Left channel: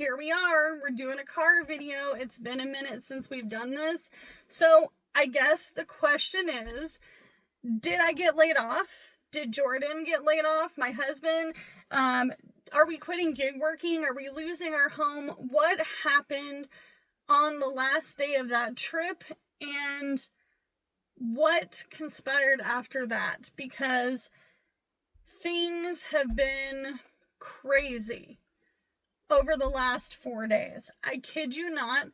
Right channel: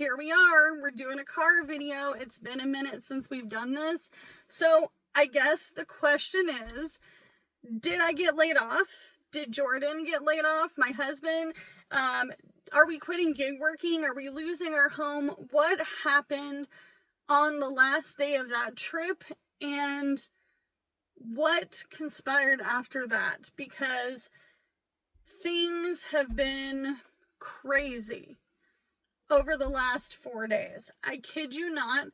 here we are. We're doing a car video. It's been a minute since we've done this. So I guess the question is, did I get laid off? Did Jordan get laid off? My husband? Are we quitting gig working? Are we losing our home? What happened on the last day of that trip? And what conspired after that? Because things have been crazy over the last 4 days. I kid you not.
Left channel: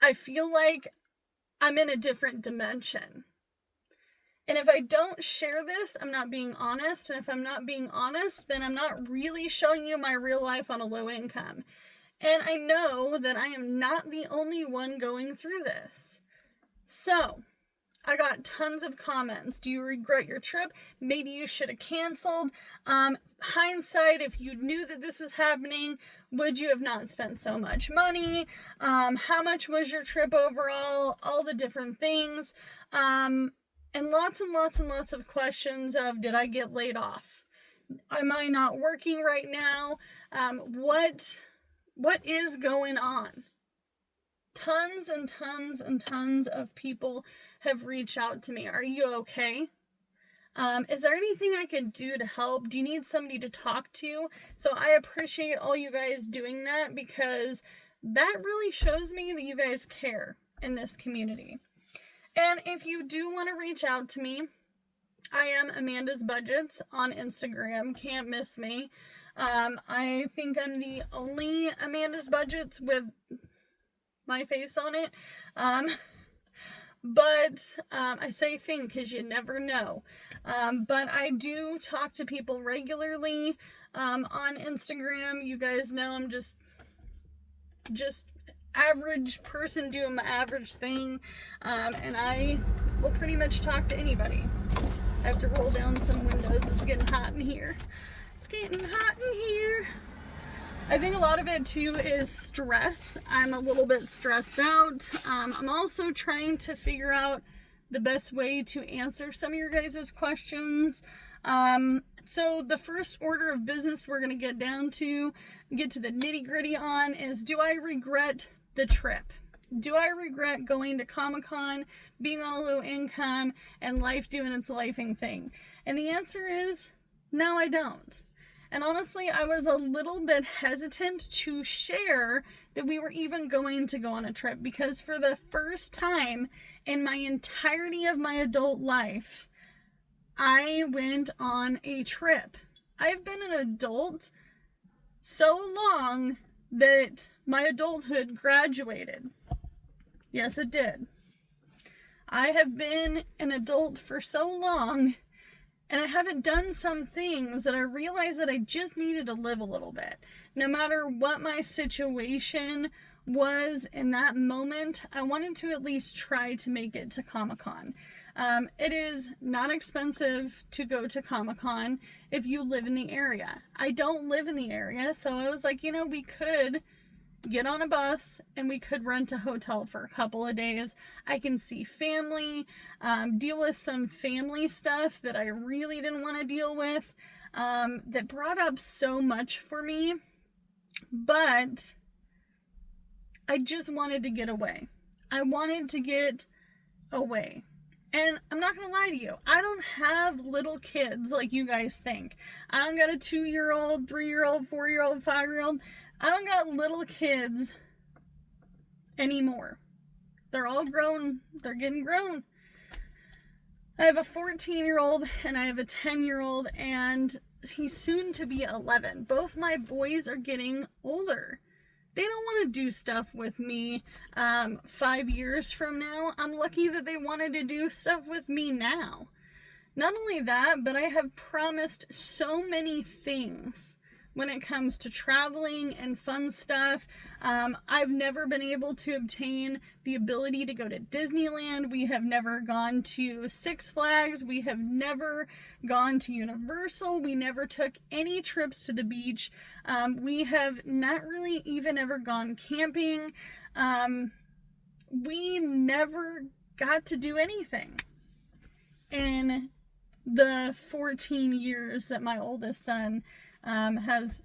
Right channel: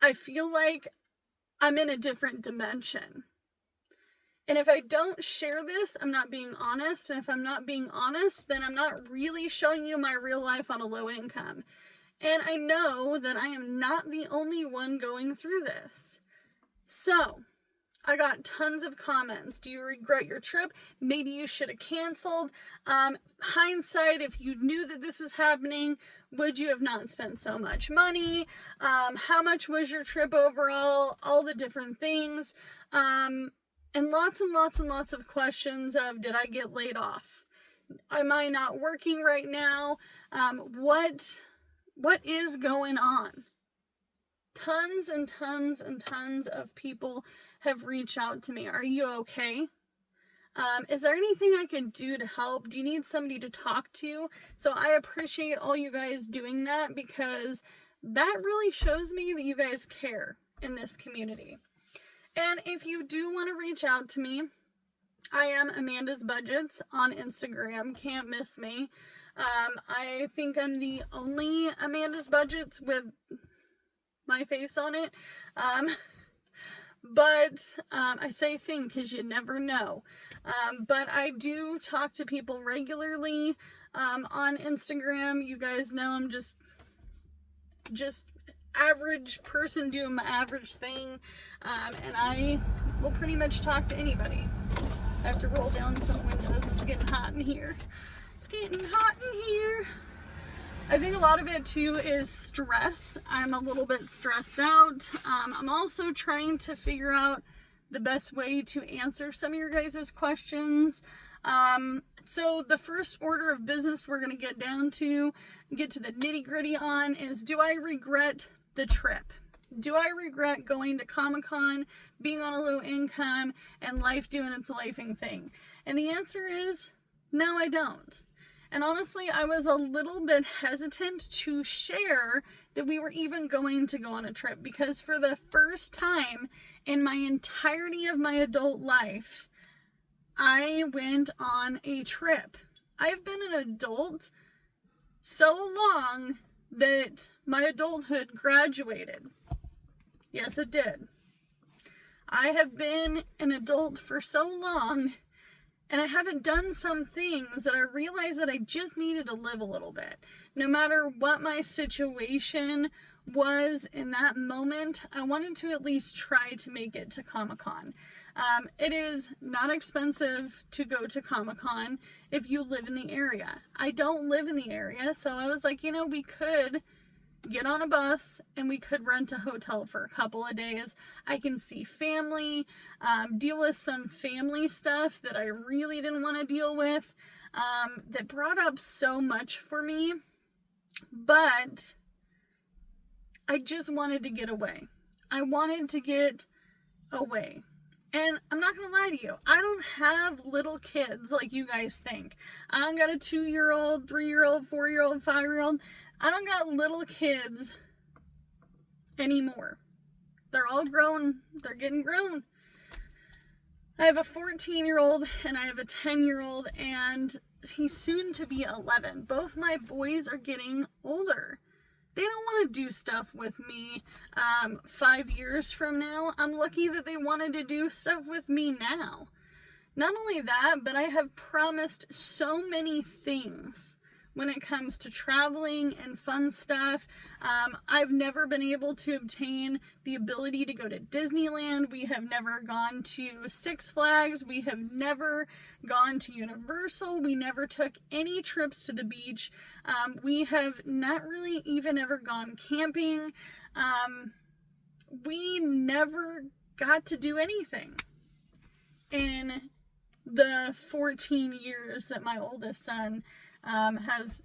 I feel like I'm in a different dimension. And if I don't share this, I'm not being honest. And if I'm not being honest, then I'm not really showing you my real life on a low income. And I know that I am not the only one going through this. So, I got tons of comments. Do you regret your trip? Maybe you should have canceled. Hindsight, if you knew that this was happening, would you have not spent so much money? How much was your trip overall? All the different things. And lots and lots and lots of questions of, did I get laid off? Am I not working right now? What is going on? Tons and tons and tons of people have reached out to me. Are you okay? Is there anything I can do to help? Do you need somebody to talk to? So I appreciate all you guys doing that, because that really shows me that you guys care in this community. And if you do want to reach out to me, I am Amanda's Budgets on Instagram. Can't miss me. I think I'm the only Amanda's Budgets with my face on it. But I say think because you never know. But I do talk to people regularly on Instagram. You guys know I'm just average person doing my average thing. And I will pretty much talk to anybody. I have to roll down some windows. It's getting hot in here. It's getting hot in here. I think a lot of it too is stress. I'm a little bit stressed out. I'm also trying to figure out the best way to answer some of your guys' questions. So the first order of business we're going to get to the nitty gritty on is, do I regret the trip? Do I regret going to Comic-Con, being on a low income, and life doing its lifing thing? And the answer is, no, I don't. And honestly, I was a little bit hesitant to share that we were even going to go on a trip, because for the first time in my entirety of my adult life, I went on a trip. I've been an adult so long that my adulthood graduated. Yes, it did. I have been an adult for so long, and I haven't done some things that I realized that I just needed to live a little bit. No matter what my situation was in that moment, I wanted to at least try to make it to Comic-Con. It is not expensive to go to Comic-Con if you live in the area. I don't live in the area, so I was like, we could get on a bus and we could rent a hotel for a couple of days. I can see family, deal with some family stuff that I really didn't want to deal with, that brought up so much for me. But I just wanted to get away. I wanted to get away. And I'm not going to lie to you, I don't have little kids like you guys think. I don't got a 2-year-old, 3-year-old, 4-year-old, 5-year-old. I don't got little kids anymore. They're all grown. They're getting grown. I have a 14-year-old and I have a 10-year-old, and he's soon to be 11. Both my boys are getting older. They don't want to do stuff with me 5 years from now. I'm lucky that they wanted to do stuff with me now. Not only that, but I have promised so many things when it comes to traveling and fun stuff. I've never been able to obtain the ability to go to Disneyland. We have never gone to Six Flags. We have never gone to Universal. We never took any trips to the beach. We have not really even ever gone camping. We never got to do anything in the 14 years that my oldest son has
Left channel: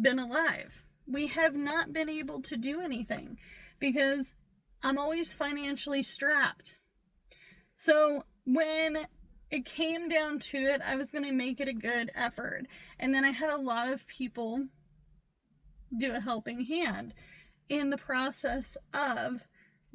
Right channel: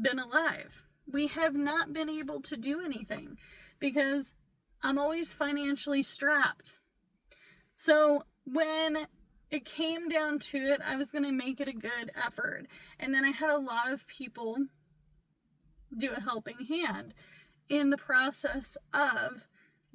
been alive. we have not been able to do anything because I'm always financially strapped. So when it came down to it, I was going to make it a good effort. And then I had a lot of people do a helping hand in the process of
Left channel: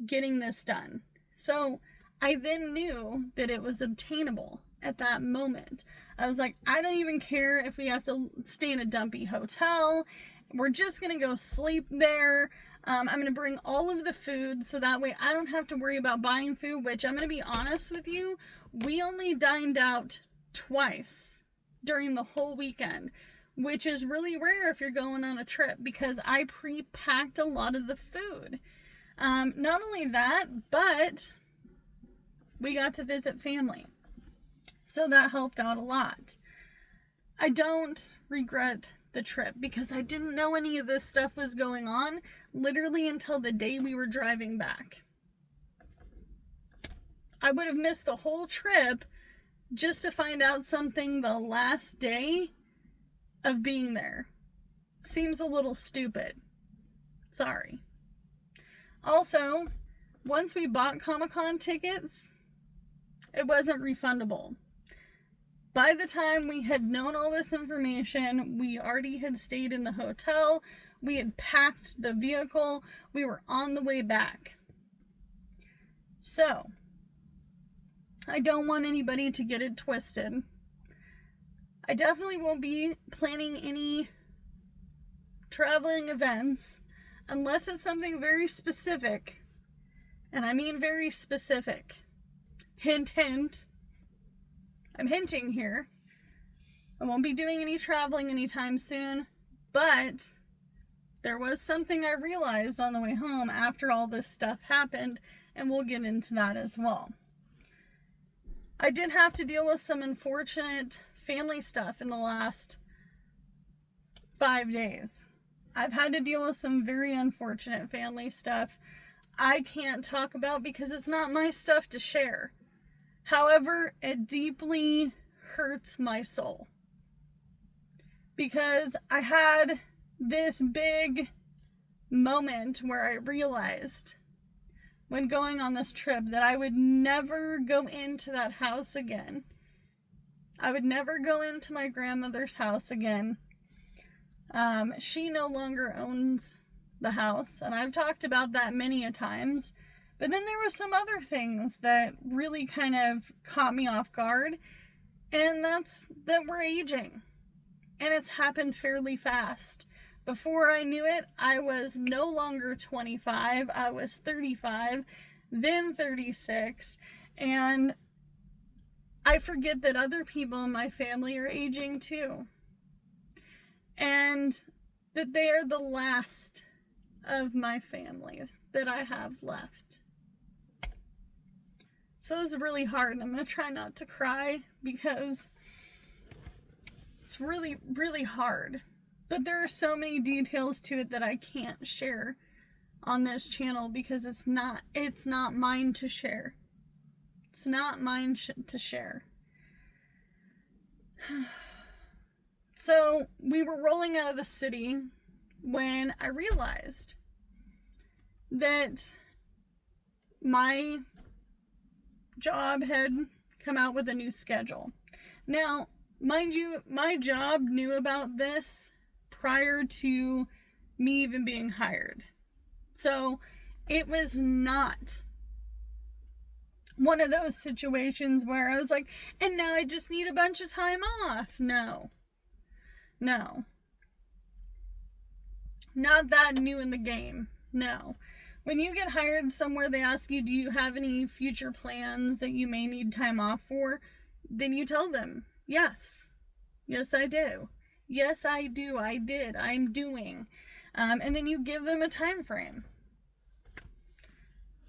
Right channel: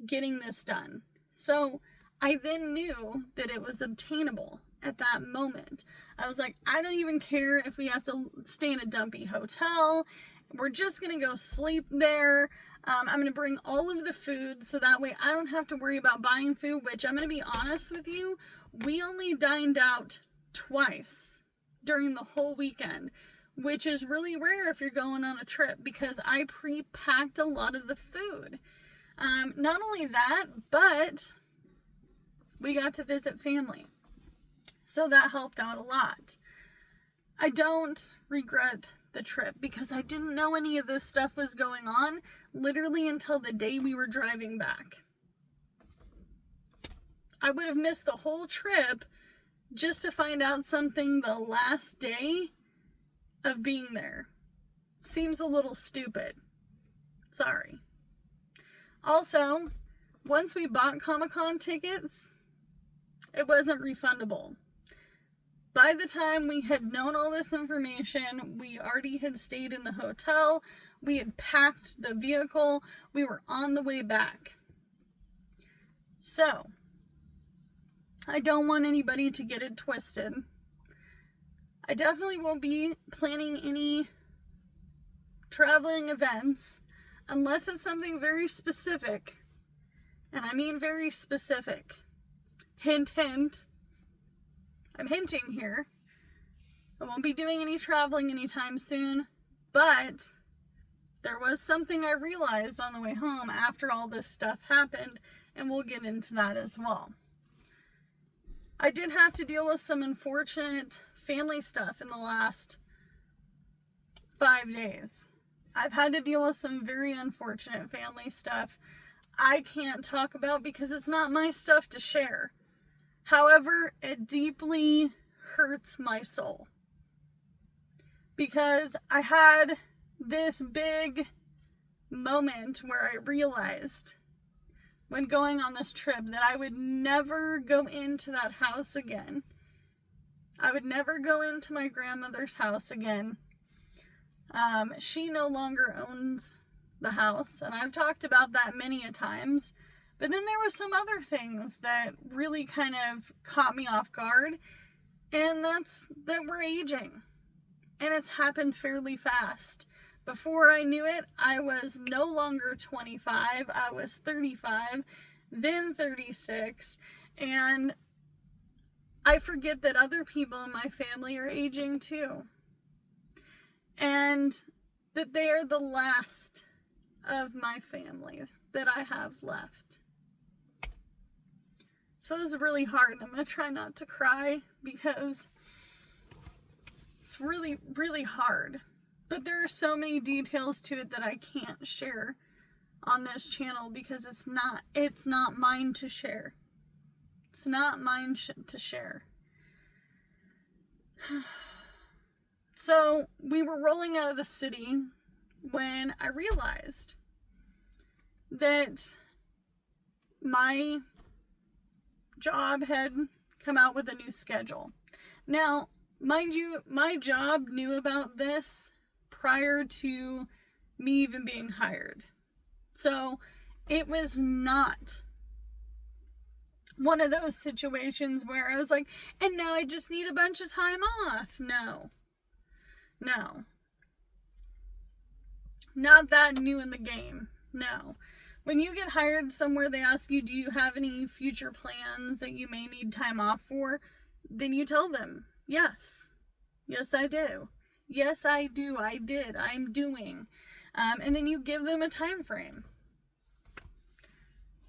getting this done. So I then knew that it was obtainable at that moment. I was like, I don't even care if we have to stay in a dumpy hotel. We're just going to go sleep there. I'm going to bring all of the food so that way I don't have to worry about buying food, which I'm going to be honest with you, we only dined out twice during the whole weekend, which is really rare if you're going on a trip because I pre-packed a lot of the food. Not only that, but we got to visit family. So that helped out a lot. I don't regret the trip because I didn't know any of this stuff was going on literally until the day we were driving back. I would have missed the whole trip just to find out something the last day of being there. Seems a little stupid. Sorry. Also, once we bought Comic-Con tickets, it wasn't refundable. By the time we had known all this information, we already had stayed in the hotel, we had packed the vehicle, we were on the way back. So, I don't want anybody to get it twisted. I definitely won't be planning any traveling events unless it's something very specific. And I mean very specific. Hint, hint. I'm hinting here. I won't be doing any traveling anytime soon, but there was something I realized on the way home after all this stuff happened, and we'll get into that as well. I did have to deal with some unfortunate family stuff in the last 5 days. I've had to deal with some very unfortunate family stuff I can't talk about because it's not my stuff to share. However, it deeply hurts my soul because I had this big moment where I realized when going on this trip that I would never go into that house again. I would never go into my grandmother's house again. She no longer owns the house, and I've talked about that many a times. But then there were some other things that really kind of caught me off guard, and that's that we're aging. And it's happened fairly fast. Before I knew it, I was no longer 25, I was 35, then 36, and I forget that other people in my family are aging too. And that they are the last of my family that I have left. So it's really hard, and I'm going to try not to cry because it's really, really hard. But there are so many details to it that I can't share on this channel because it's not mine to share. It's not mine to share. So we were rolling out of the city when I realized that my job had come out with a new schedule. Now, mind you, my job knew about this prior to me even being hired. So it was not one of those situations where I was like, and now I just need a bunch of time off. No. Not that new in the game. No. When you get hired somewhere, they ask you, do you have any future plans that you may need time off for? Then you tell them, yes. Yes, I do. Yes, I do. I did. I'm doing. And then you give them a time frame.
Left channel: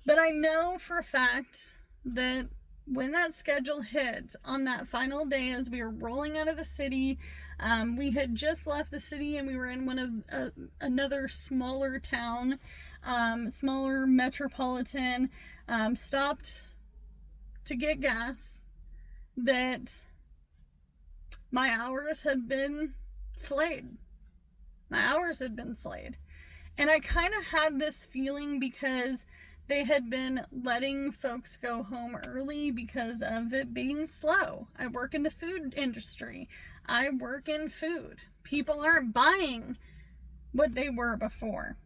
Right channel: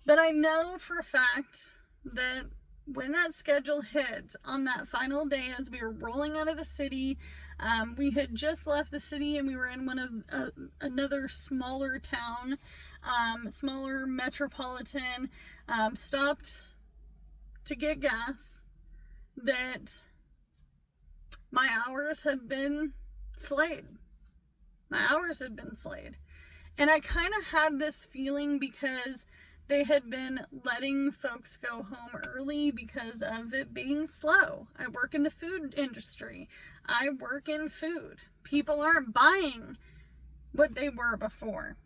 But I know for a fact that when that schedule hit on that final day as we were rolling out of the city, we had just left the city and we were in one of another smaller town, smaller metropolitan, stopped to get gas, that my hours had been slayed. My hours had been slayed. And I kind of had this feeling because they had been letting folks go home early because of it being slow. I work in the food industry. I work in food. People aren't buying what they were before.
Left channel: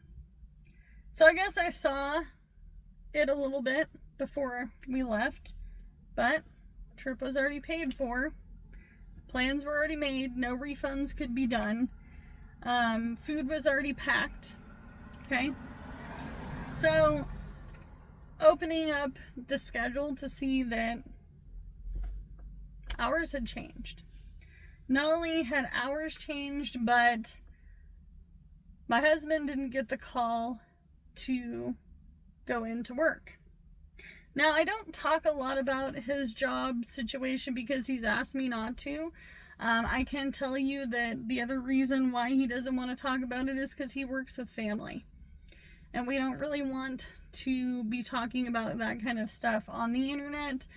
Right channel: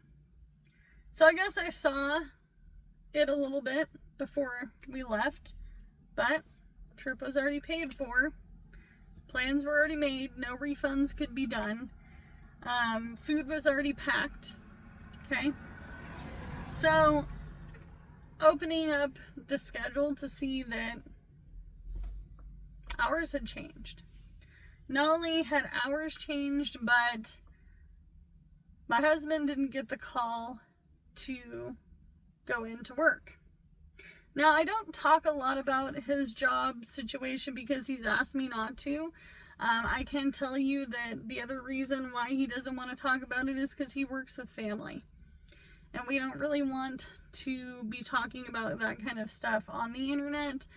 So I guess I saw it a little bit before we left, but trip was already paid for. Plans were already made. No refunds could be done. Food was already packed. Okay. So opening up the schedule to see that hours had changed. Not only had hours changed, but my husband didn't get the call to go into work. Now, I don't talk a lot about his job situation because he's asked me not to. I can tell you that the other reason why he doesn't want to talk about it is because he works with family. And we don't really want to be talking about that kind of stuff on the internet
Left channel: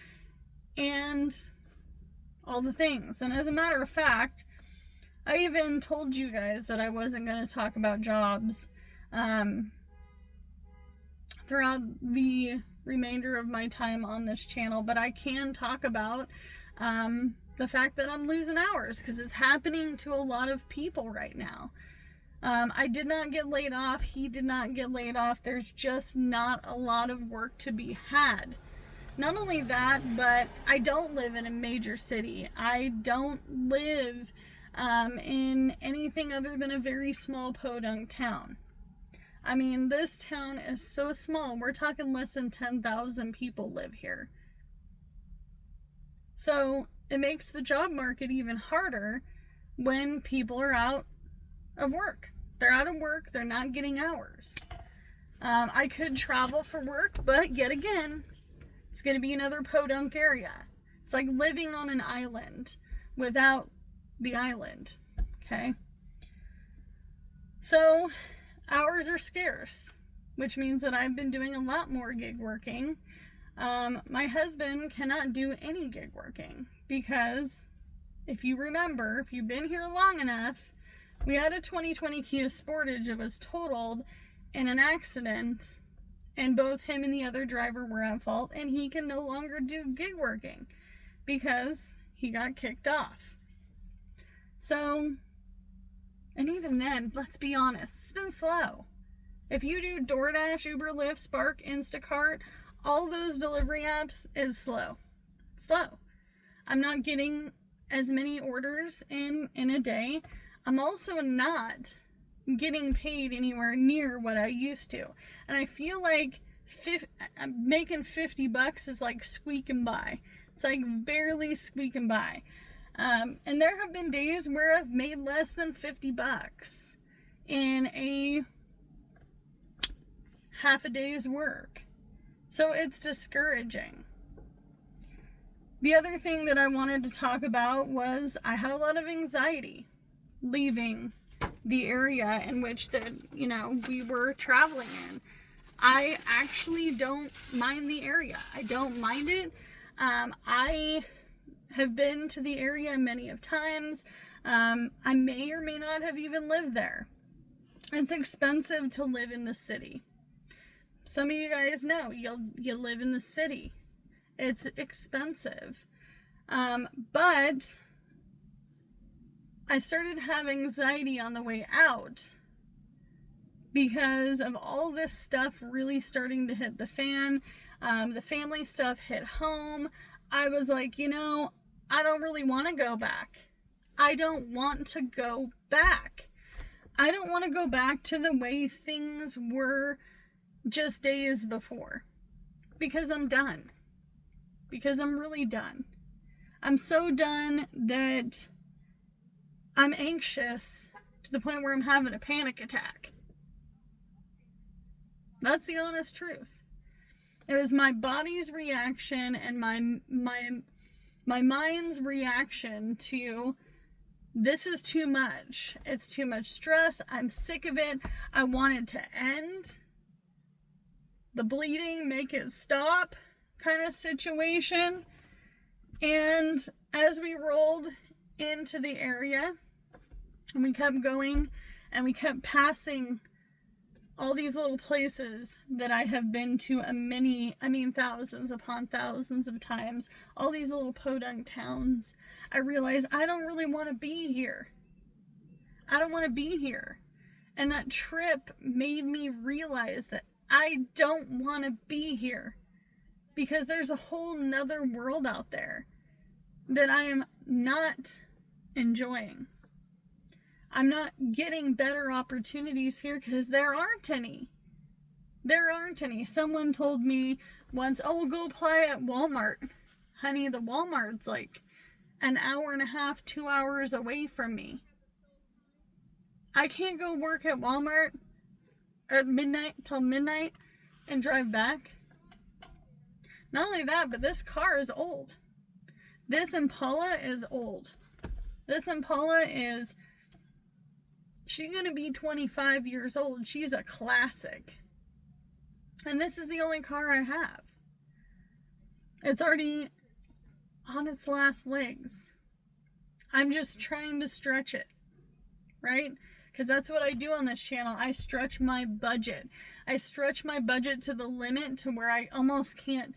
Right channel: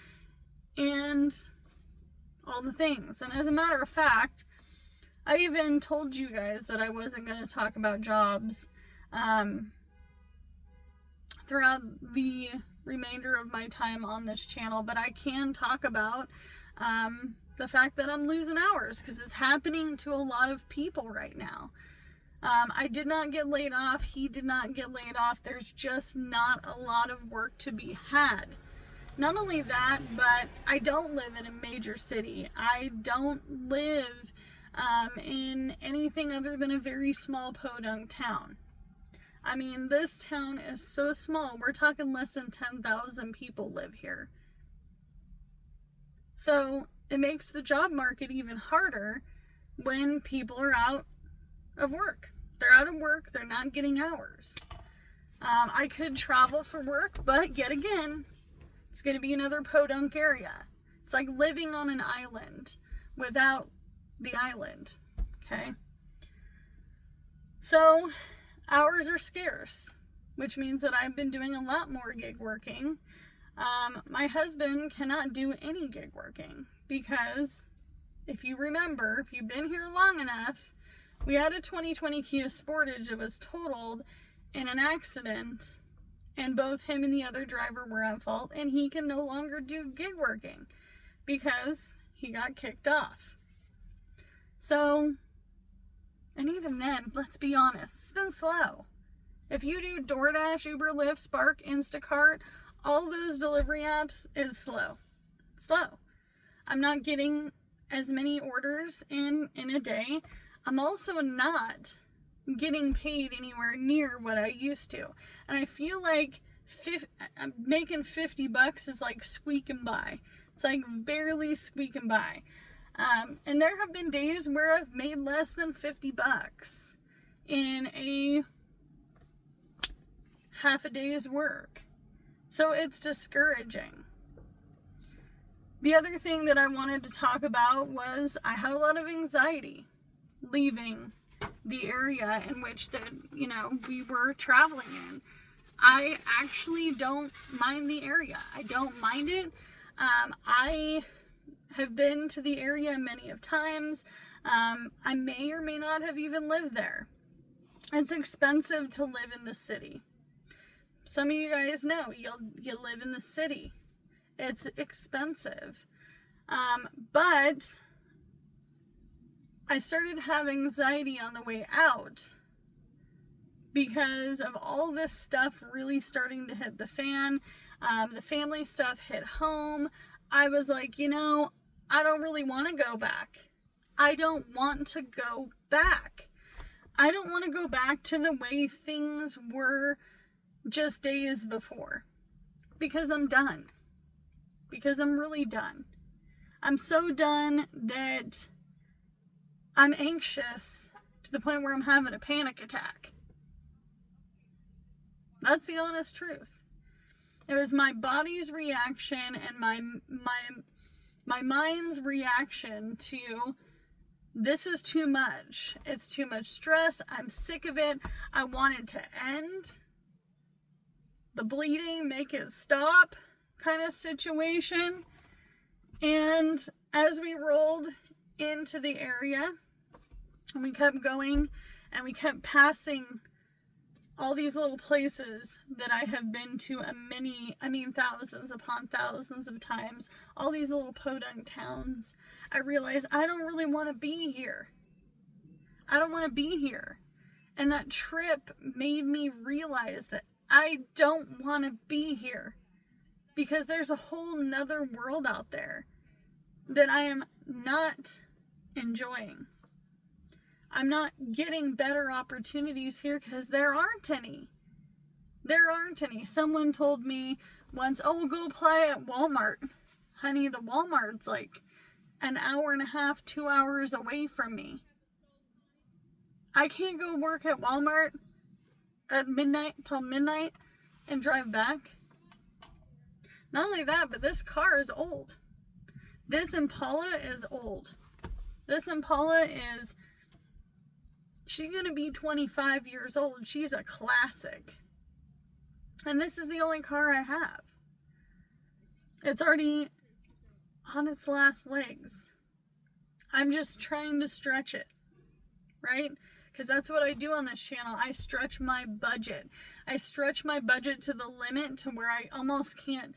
and all the things. And as a matter of fact, I even told you guys that I wasn't going to talk about jobs throughout the remainder of my time on this channel, but I can talk about the fact that I'm losing hours because it's happening to a lot of people right now. I did not get laid off. He did not get laid off. There's just not a lot of work to be had. Not only that, but I don't live in a major city. I don't live in anything other than a very small podunk town. I mean, this town is so small. We're talking less than 10,000 people live here. So it makes the job market even harder when people are out of work. They're out of work. They're not getting hours. I could travel for work, but yet again, it's going to be another podunk area. It's like living on an island without the island. Okay? So hours are scarce, which means that I've been doing a lot more gig working. My husband cannot do any gig working because if you remember, if you've been here long enough, we had a 2020 Kia Sportage that was totaled in an accident, and both him and the other driver were at fault, and he can no longer do gig working because he got kicked off. So, and even then, let's be honest, it's been slow. If you do DoorDash, Uber, Lyft, Spark, Instacart, all those delivery apps, it's slow. It's slow. I'm not getting as many orders in a day. I'm also not getting paid anywhere near what I used to. And I feel like making $50 is like squeaking by. It's like barely squeaking by. And there have been days where I've made less than $50 in a half a day's work. So it's discouraging. The other thing that I wanted to talk about was I had a lot of anxiety leaving the area in which we were traveling in. I actually don't mind the area. I don't mind it. I have been to the area many of times. I may or may not have even lived there. It's expensive to live in the city. Some of you guys know you live in the city. It's expensive. But I started having anxiety on the way out because of all this stuff really starting to hit the fan. The family stuff hit home. I was like, I don't really want to go back. I don't want to go back. I don't want to go back to the way things were just days before. Because I'm done. Because I'm really done. I'm so done that I'm anxious to the point where I'm having a panic attack. That's the honest truth. It was my body's reaction and my mind's reaction to this is too much. It's too much stress. I'm sick of it. I want it to end. The bleeding, make it stop kind of situation. And as we rolled into the area and we kept going And we kept passing all these little places that I have been to thousands upon thousands of times. All these little podunk towns. I realized I don't really want to be here. I don't want to be here. And that trip made me realize that I don't want to be here. Because there's a whole nother world out there that I am not enjoying. I'm not getting better opportunities here because there aren't any. There aren't any. Someone told me once, oh, we'll go apply at Walmart. Honey, the Walmart's like an hour and a half, 2 hours away from me. I can't go work at Walmart at midnight till midnight and drive back. Not only that, but this car is old. This Impala is old. This Impala is, she's going to be 25 years old. She's a classic. And this is the only car I have. It's already on its last legs. I'm just trying to stretch it, right? Because that's what I do on this channel. I stretch my budget. I stretch my budget to the limit to where I almost can't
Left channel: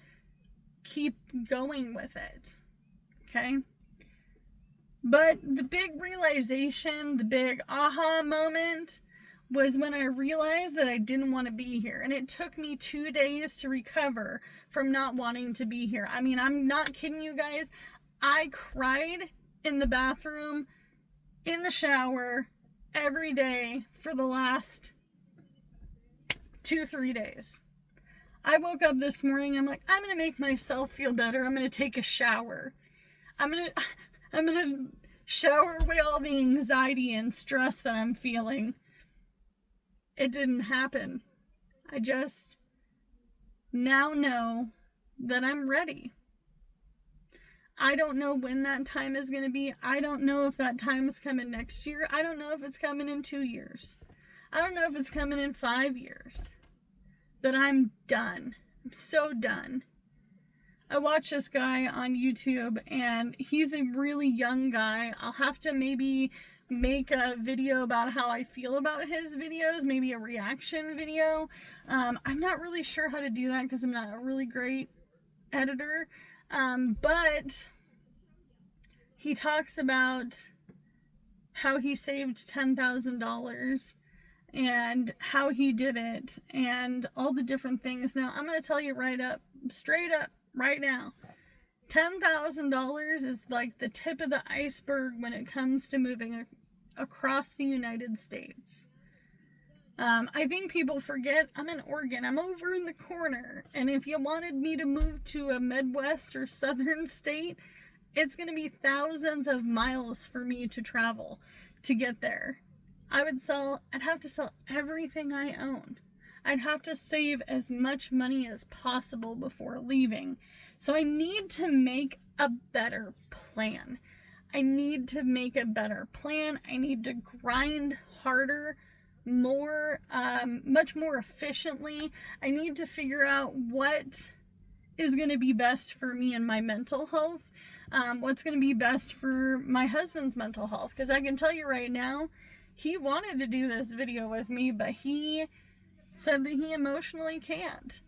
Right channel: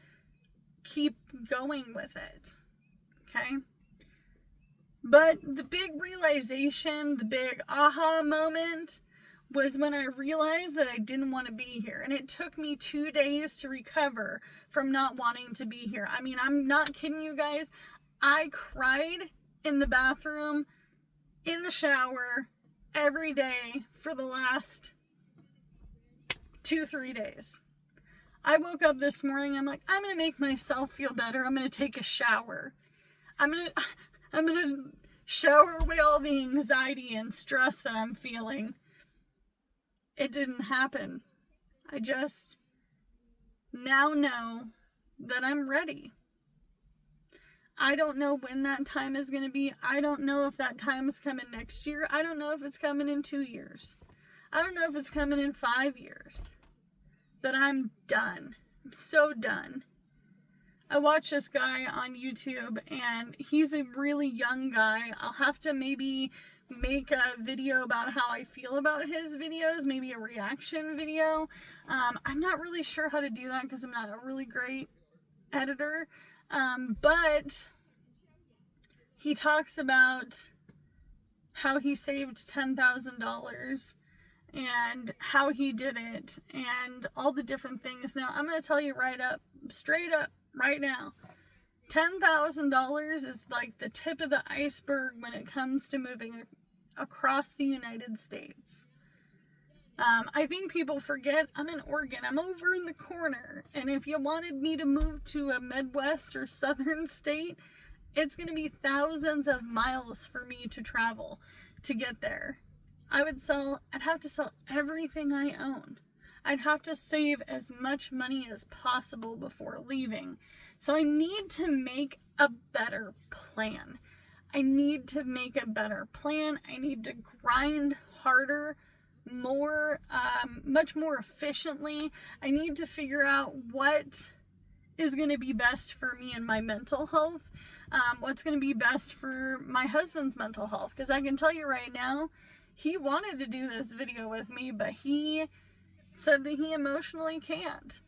keep going with it. Okay? But the big realization, the big aha moment was when I realized that I didn't want to be here. And it took me 2 days to recover from not wanting to be here. I mean, I'm not kidding you guys. I cried in the bathroom, in the shower, every day for the last 2-3 days. I woke up this morning, I'm like, I'm going to make myself feel better. I'm going to take a shower. I'm going to shower away all the anxiety and stress that I'm feeling. It didn't happen. I just now know that I'm ready. I don't know when that time is going to be. I don't know if that time is coming next year. I don't know if it's coming in 2 years. I don't know if it's coming in 5 years. But I'm done. I'm so done. I watched this guy on YouTube, and he's a really young guy. I'll have to maybe make a video about how I feel about his videos, maybe a reaction video. I'm not really sure how to do that because I'm not a really great editor. But he talks about how he saved $10,000 and how he did it and all the different things. Now, I'm going to tell you straight up, right now, $10,000 is like the tip of the iceberg when it comes to moving across the United States. I think people forget I'm in Oregon. I'm over in the corner. And if you wanted me to move to a Midwest or Southern state, it's going to be thousands of miles for me to travel to get there. I'd have to sell everything I own. I'd have to save as much money as possible before leaving. So I need to make a better plan. I need to grind harder, more, much more efficiently. I need to figure out what is going to be best for me and my mental health. What's going to be best for my husband's mental health. Because I can tell you right now, he wanted to do this video with me, but he said that he emotionally can't.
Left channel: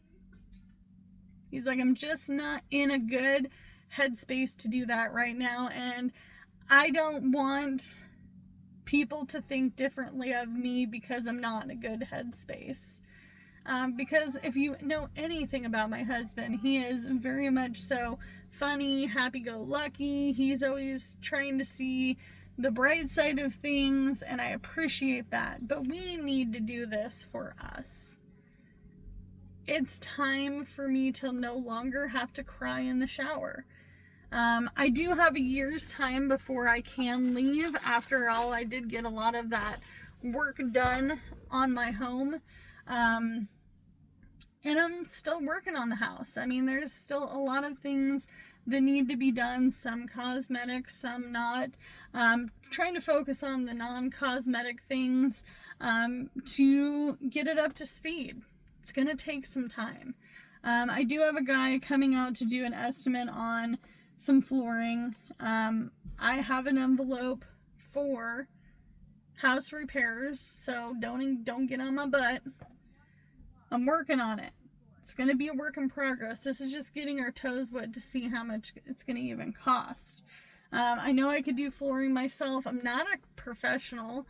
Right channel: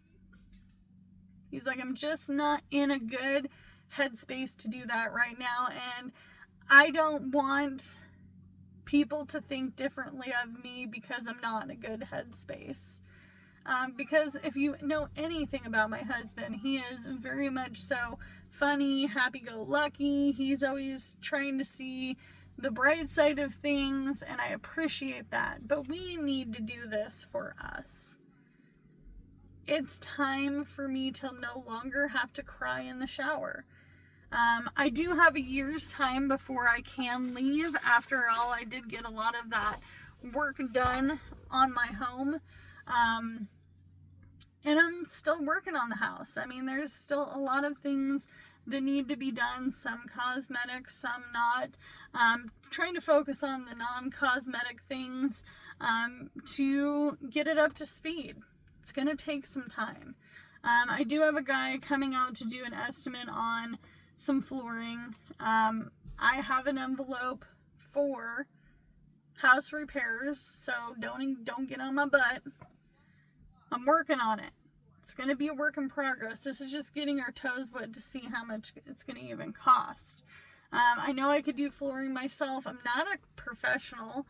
He's like, I'm just not in a good headspace to do that right now, and I don't want people to think differently of me because I'm not in a good headspace. Because if you know anything about my husband, he is very much so funny, happy-go-lucky. He's always trying to see the bright side of things, and I appreciate that. But we need to do this for us. It's time for me to no longer have to cry in the shower. I do have a year's time before I can leave. After all, I did get a lot of that work done on my home. And I'm still working on the house. I mean, there's still a lot of things that need to be done, some cosmetic, some not. Trying to focus on the non-cosmetic things to get it up to speed. It's going to take some time. I do have a guy coming out to do an estimate on some flooring. I have an envelope for house repairs, so don't get on my butt. I'm working on it. It's going to be a work in progress. This is just getting our toes wet to see how much it's going to even cost. I know I could do flooring myself. I'm not a professional.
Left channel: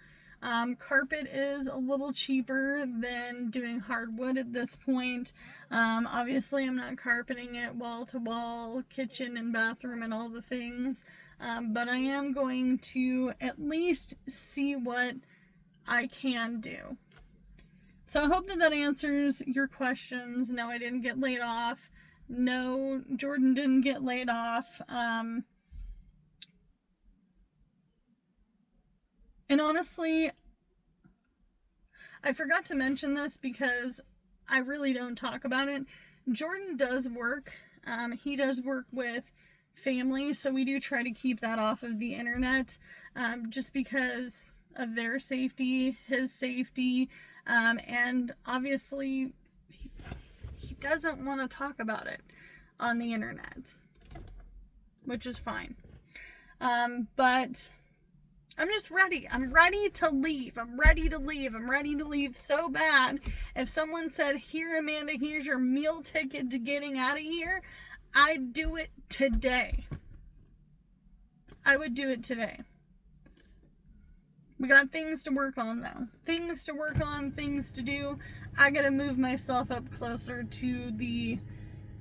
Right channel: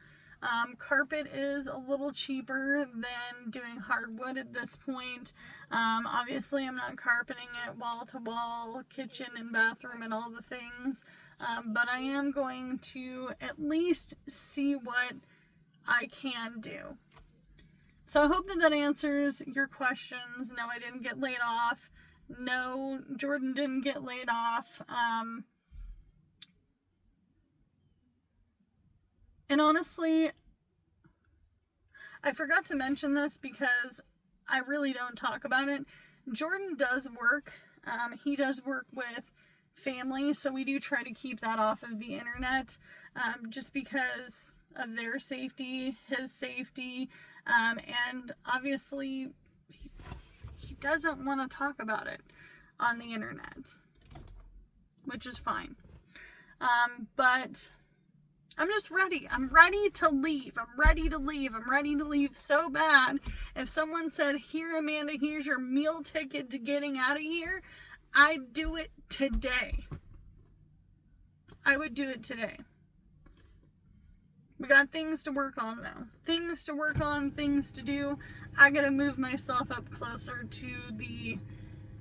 Carpet is a little cheaper than doing hardwood at this point. Obviously, I'm not carpeting it wall to wall, kitchen and bathroom and all the things. But I am going to at least see what I can do. So I hope that answers your questions. No, I didn't get laid off. No, Jordan didn't get laid off. And honestly, I forgot to mention this because I really don't talk about it. Jordan does work. He does work with family, so we do try to keep that off of the internet, just because of their safety, his safety, and obviously he doesn't want to talk about it on the internet, which is fine. But I'm just ready. I'm ready to leave. I'm ready to leave. I'm ready to leave so bad. If someone said, "Here, Amanda, here's your meal ticket to getting out of here," I'd do it today. I would do it today. We got things to work on, though. Things to work on, things to do. I gotta move myself up closer to the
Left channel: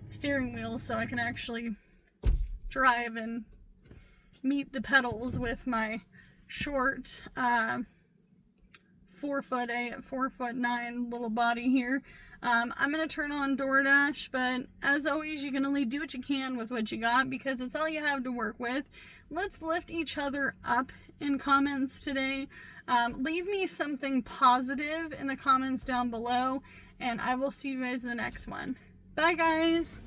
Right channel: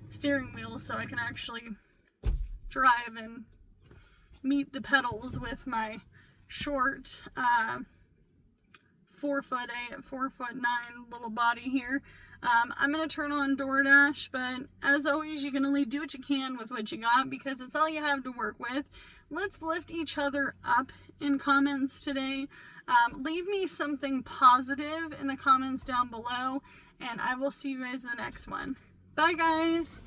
steering wheel so I can actually drive and meet the pedals with my short 4'8", 4'9" little body here. I'm gonna turn on DoorDash, but as always, you can only do what you can with what you got because it's all you have to work with. Let's lift each other up in comments today. Leave me something positive in the comments down below, and I will see you guys in the next one. Bye, guys.